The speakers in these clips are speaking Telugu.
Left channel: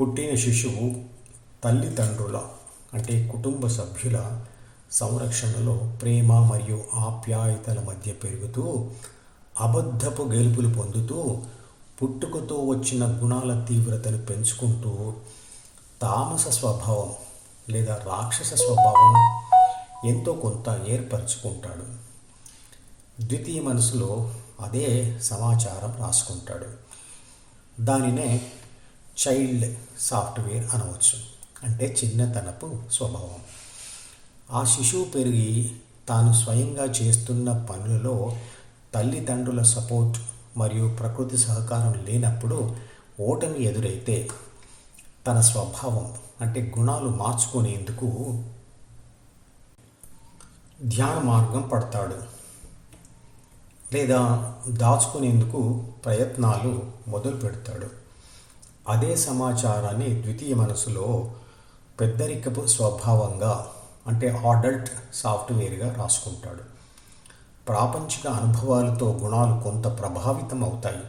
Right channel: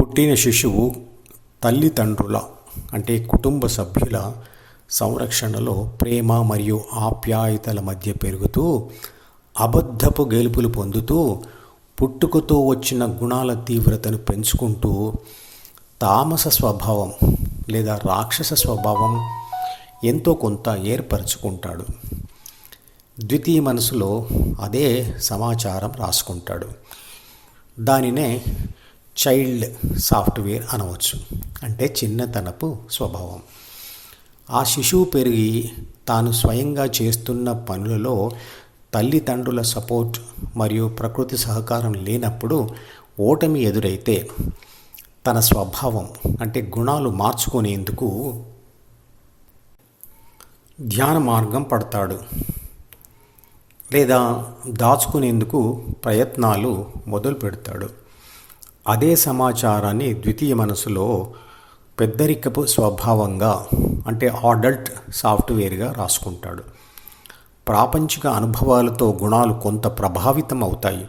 పుట్టిన శిశువు తల్లిదండ్రుల అంటే కుటుంబ సభ్యుల సంరక్షణలో ప్రేమ మరియు ఆప్యాయతల మధ్య పెరుగుతూ అబద్ధపు గెలుపులు పొందుతూ పుట్టుకతో వచ్చిన గుణాల తీవ్రతను పెంచుకుంటూ తామస స్వభావం లేదా రాక్షస స్వభావం ఎంతో కొంత ఏర్పరచుకుంటాడు. ద్వితీయ మనసులో అదే సమాచారం రాసుకుంటాడు. దానినే చైల్డ్ సాఫ్ట్వేర్ అనవచ్చు. అంటే చిన్నతనపు స్వభావం. ఆ శిశువు పెరిగి తాను స్వయంగా చేస్తున్న పనులలో తల్లిదండ్రుల సపోర్ట్ మరియు ప్రకృతి సహకారం లేనప్పుడు ఓటమి ఎదురైతే తన స్వభావం అంటే గుణాలు మార్చుకునేందుకు ధ్యాన మార్గం పడతాడు. లేదా దాచుకునేందుకు ప్రయత్నాలు మొదలు పెడతాడు అదే సమాచారాన్ని ద్వితీయ మనసులో పెద్దరికపు స్వభావంగా అంటే అడల్ట్ సాఫ్ట్వేర్గా రాసుకుంటాడు. ప్రాపంచిక అనుభవాలతో గుణాలు కొంత ప్రభావితం అవుతాయి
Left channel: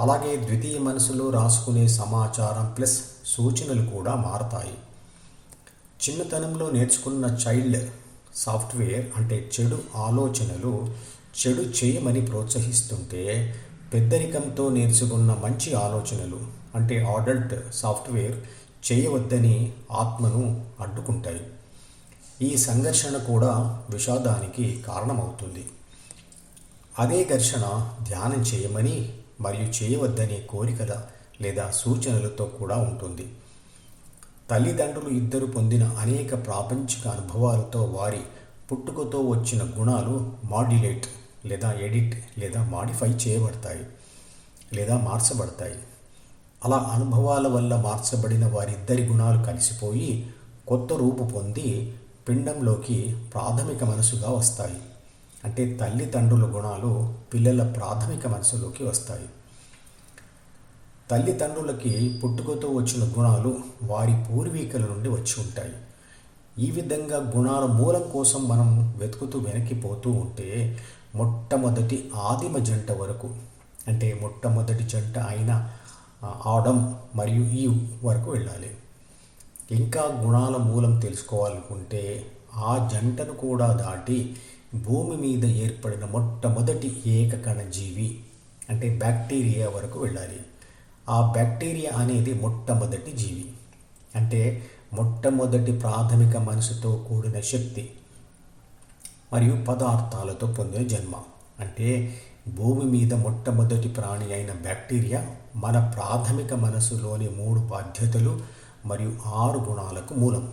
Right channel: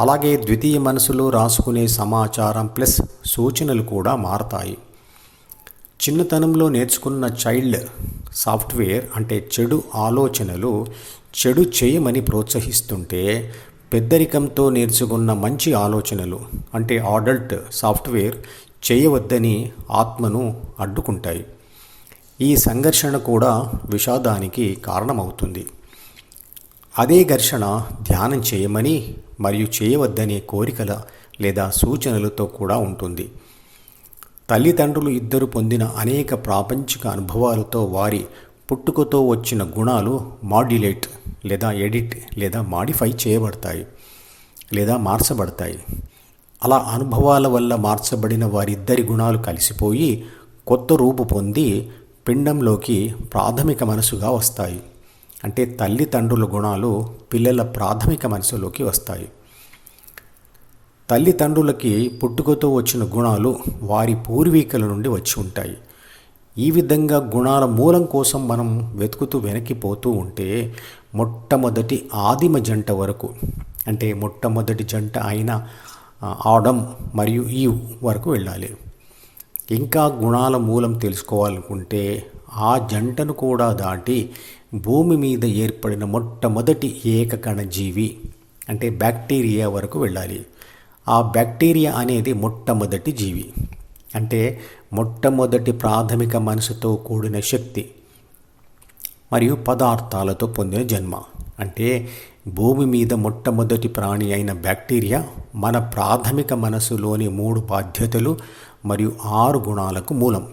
అలాగే ద్వితీయ మనసులో రాసుకునే సమాచారం ప్లస్ సూచనలు కూడా మారతాయి. చిన్నతనంలో నేర్చుకున్న చైల్డ్ సాఫ్ట్వేర్ అంటే చెడు ఆలోచనలు చెడు చేయమని ప్రోత్సహిస్తుంటే పెద్దరికంతో నేర్చుకున్న మంచి ఆలోచనలు అంటే అడల్ట్ సాఫ్ట్వేర్ చేయవద్దని ఆత్మను అడ్డుకుంటాయి. ఈ సంఘర్షణ కూడా విషాదానికి కారణమవుతుంది. అదే ఘర్షణ ధ్యానం చేయమని మరియు చేయవద్దనే కోరికల లేదా సూచనలతో కూడా ఉంటుంది. తల్లిదండ్రులు ఇద్దరు పొందిన అనేక ప్రాపంచిక అనుభవాలతో వారి పుట్టుకతో వచ్చిన గుణాలు మాడ్యులేట్ లేదా ఎడిట్ లేదా మాడిఫై చేయబడతాయి లేదా మార్చబడతాయి. అలా అనుభవాల వల్ల మార్చబడిన వారిద్దరి గుణాలు కలిసిపోయి కొత్త రూపు పొంది పిండంలోకి ప్రాథమిక మనసుగా వస్తాయి. అంటే తల్లిదండ్రుల గుణాలు పిల్లల ప్రాథమిక మనసులోకి వస్తాయి. తల్లిదండ్రులకి పుట్టుకతో వచ్చిన గుణాలు వారి పూర్వీకుల నుండి వచ్చి ఉంటాయి. ఈ విధంగా గుణాల మూలం కోసం మనం వెతుకుతూ వెనక్కిపోతూ ఉంటే మొట్టమొదటి ఆదిమ జంట వరకు అంటే మొట్టమొదటి జంట అయిన ఆడం మరియు ఈ వరకు వెళ్ళాలి. ఇంకా గుణాల మూలం తెలుసుకోవాలనుకుంటే ఆ జంటను కూడా దాటి భూమి మీద ఏర్పడిన మొట్టమొదటి ఏకకణ జీవి అంటే బ్యాక్టీరియా వరకు వెళ్ళాలి. ఆ బ్యాక్టీరియా అనేది మొట్టమొదటి జీవి. అంటే మొట్టమొదటి ప్రాథమిక మనసుతో కూడిన శక్తి మరియు పదార్థాలతో పొందిన జన్మ. అంటే భూమి మీద మొట్టమొదటి ప్రాణి అయిన బ్యాక్టీరియా మన ప్రాథమిక మనసులోని మూడు బాధ్యతలు మరియు ఆరు గుణాలకు మూలం.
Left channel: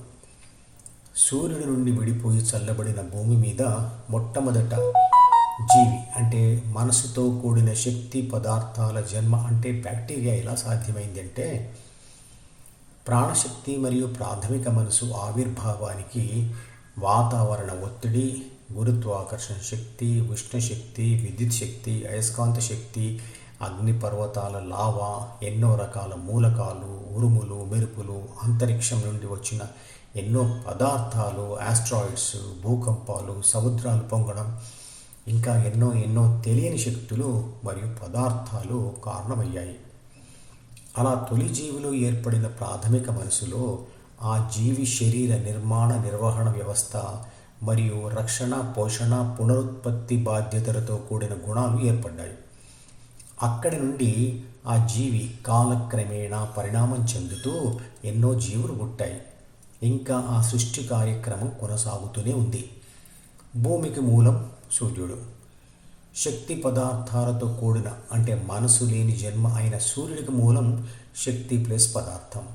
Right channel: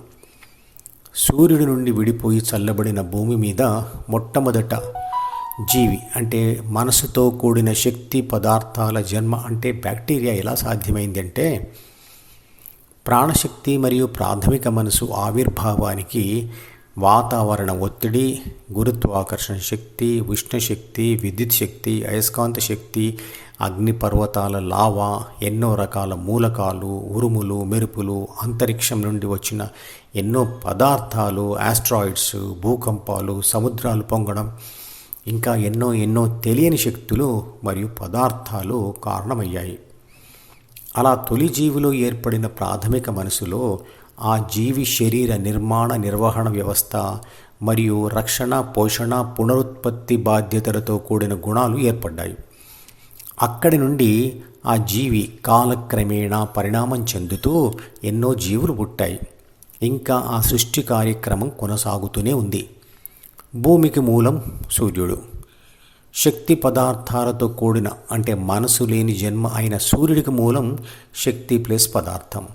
సూర్యుడి నుండి విడిపోయి చల్లబడిన భూమి మీద మొట్టమొదట జీవి అంటే మనసుతో కూడిన శక్తి పదార్థాల జన్మ అంటే బ్యాక్టీరియా ఎలా సాధ్యమైంది అంటే ప్రాణశక్తి మరియు ప్రాథమిక మనసు ఆవిర్భావానికి వాతావరణ ఒత్తిడి గురుత్వాకర్షణ శక్తి ఉష్ణశక్తి విద్యుత్ శక్తి అయస్కాంత శక్తి అగ్నిపర్వతాల లావా ఎన్నో రకాల మూలకాలు ఉరుములు మెరుపులు అంతరిక్షం నుండి వచ్చిన ఎన్నో పదార్థాలు ఆస్ట్రాయిడ్స్ భూకంపాలు సముద్రాలు పొంగడం ఇంకా ఎన్నో ఎన్నో తెలియని శక్తులు మరియు పదార్థాలు కారణమయ్యాయి. అలా తొలి జీవిలో ఏర్పడిన ప్రాథమిక మనసులో ఆ జీవి శరీర నిర్మాణ నిర్వహణ వ్యవస్థ మరియు రక్షణ పోషణ పునరుత్పత్తి బాధ్యతలతో కూడిన గుణాలు ఏర్పడ్డాయి. అక్కడి నుండి ఆ జీవి కాలక్రమేణా పరిణామం చెందుతూ ఎన్నో జీవులు పుట్టాయి. ఇంకా ఆ సృష్టి కార్యక్రమం కొనసాగుతూనే ఉంది. భూమికి మూలం సూర్యుడు. శక్తి పదార్థాలతో కూడిన అంటే మనసు లేని జన్మ అయిన సూర్యుడికి మూలం శక్తి ప్లస్ పదార్థం.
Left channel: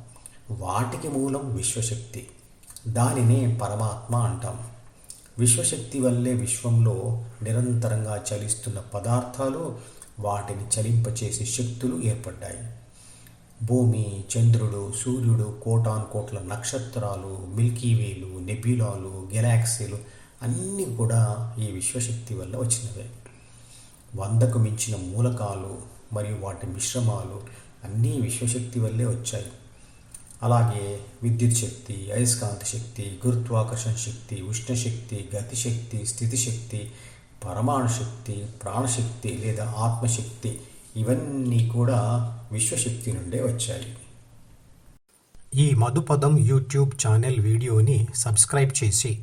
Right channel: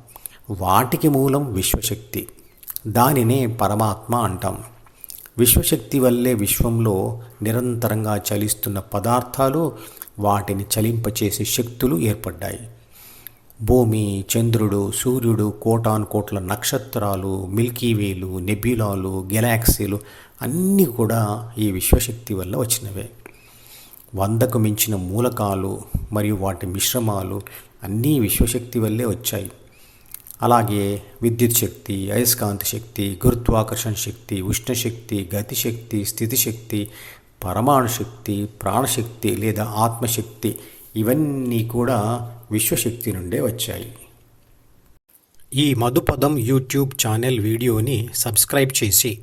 వాటికి మూలం విశ్వశక్తి. దానినే పరమాత్మ అంటాం. విశ్వశక్తి వల్లే విశ్వంలో నిరంతరంగా చలిస్తున్న పదార్థాలు వాటిని చలింపచేసే శక్తులు ఏర్పడ్డాయి. భూమి చంద్రుడు సూర్యుడు కోటాను కోట్ల నక్షత్రాలు మిల్కీవేలు నెబ్యులాలు గెలాక్సీలు అన్నీ కూడా ఈ విశ్వశక్తి వల్ల వచ్చినవే. వందకు మించిన మూలకాలు మరియు వాటి మిశ్రమాలు అన్నీ విశ్వశక్తి వల్లే వచ్చాయి. అలాగే విద్యుత్ శక్తి అయస్కాంత శక్తి గురుత్వాకర్షణ శక్తి ఉష్ణశక్తి గతిశక్తి స్థితిశక్తి పరమాణు శక్తి ప్రాణశక్తి లేదా ఆత్మశక్తి ఇవన్నీ కూడా విశ్వశక్తి నుండే వచ్చాయి. ఈ మధుపదం యూట్యూబ్ ఛానల్ వీడియోని సబ్స్క్రైబ్ చేసి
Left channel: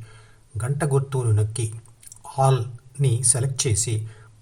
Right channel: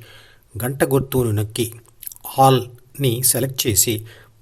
గంట గుర్తును నొక్కి హాల్ని సెలెక్ట్ చేసి